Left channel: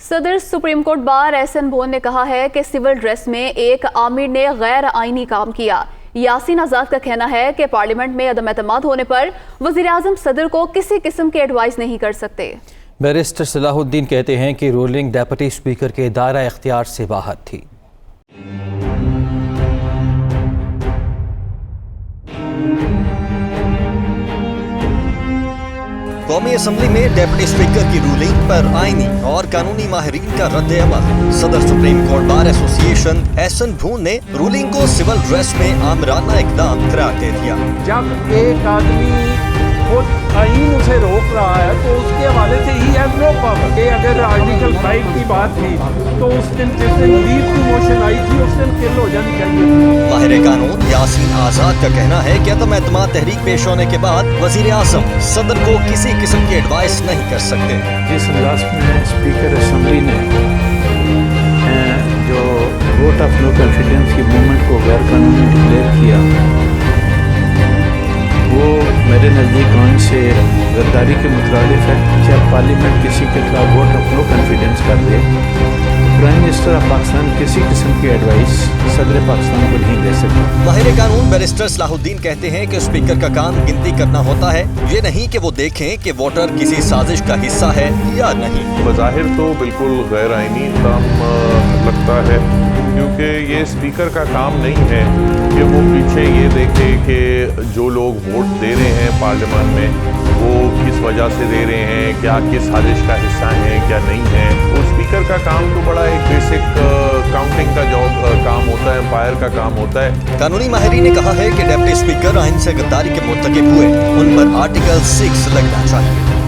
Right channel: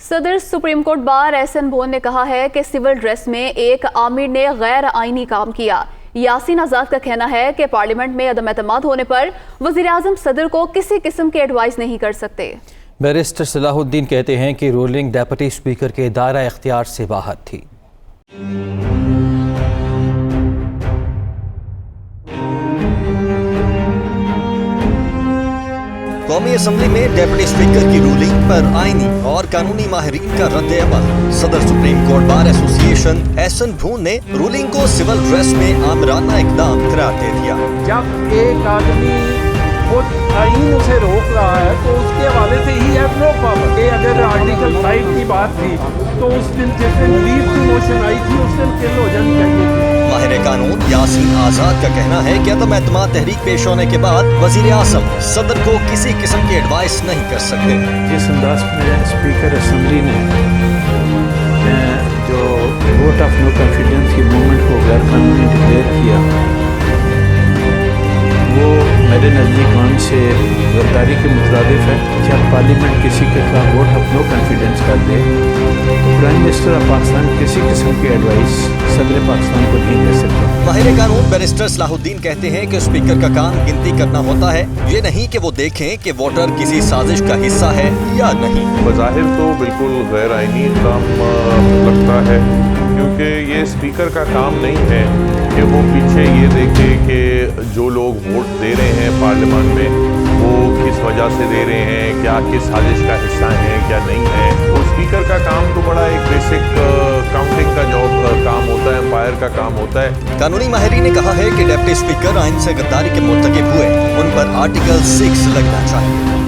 صدر supreme court bar احسن بھون نے کہا ہے کہ سول ڈریس میں ایک آمر نے غیر آئینی کام کیا۔ یاسین آزاد کا کہنا ہے کہ پارلیمنٹ میں عدم اعتماد ہونے پر وزیراعظم صدر کو کسی قسم کے ایڈوائز نہیں کر سکتے۔ بیرسٹر صلاح الدین کہتے ہیں کہ رولنگ ڈیپٹی اسپیکر کے دائرہ اختیار سے باہر تھی۔ قومی اسمبلی میں ڈیپٹی اسپیکر کی رولنگ پر آئینی اور قانونی ماہرین کا رد عمل۔ صدر سپریم کورٹ بار ایسوسی ایشن احسن بھون نے رولنگ کو سول ڈریس میں آمرانہ اقدام قرار دے دیا۔ جب ایک آدمی خود آئین اسے روک رہا ہے تو اس کے حوالے سے ہی ہیز نو پاور۔ یہ اگر آرٹیکل 5 کی بات تھی تو اس دن جس دن لیو کی موشن آئی تھی اس دن کل ہو جانی چاہیے تھی۔ ماہر قانون یاسین آزاد کا کہنا ہے کہ عدم اعتماد تحریک پیش ہونے کے بعد وزیر اعظم صدر کو کسی قسم کی ایڈوائس نہیں کر سکتے۔ جس انداز میں اسپیکر اسمبلی نے جو ووٹ آف نو کانفیڈنس کی موومنٹ کو غیر قانونی ڈکلیئر کیا، وہ میرے نزدیک قانون سے غداری کے مترادف ہے۔ جب پارلیمنٹ کسی کے خلاف ووٹ آف نو کانفیڈنس کر دے تو پرائم منسٹر آف پاکستان کسی قسم کی ایڈوائس صدر پاکستان کو نہیں دے سکتا۔ ماہر قانون بیرسٹر صلاح الدین کہتے ہیں کہ اسپیکر کا کام گنتی کرنا ہوتا ہے، یہ نہیں کہ وہ دیکھیں کہ ووٹر کسی سازش کا حصہ ہے یا نہیں۔ بظاہر تو بالکل غیر آئینی اقدام لگتا ہے، کیونکہ یہ اسپیکر کا کام نہیں ہے کہ وہ پیچھے یہ دیکھے کہ جو لوگ ووٹ دے رہے ہیں پارلیمان میں وہ کس وجہ سے دے رہے ہیں، کیا کس سازش کا حصہ ہیں کیا نہیں ہے۔ وہ اسپیکر کا کام تو بڑا ایک بیسک کاؤنٹنگ کا کام ہوتا ہے، امپائر کا کام ہوتا ہے۔ قانونی ماہرین نے کہا ہے کہ ڈپٹی اسپیکر آئین سے غداری کے مرتکب ہوئے، ان پر آرٹیکل 6 لگنا چاہیے۔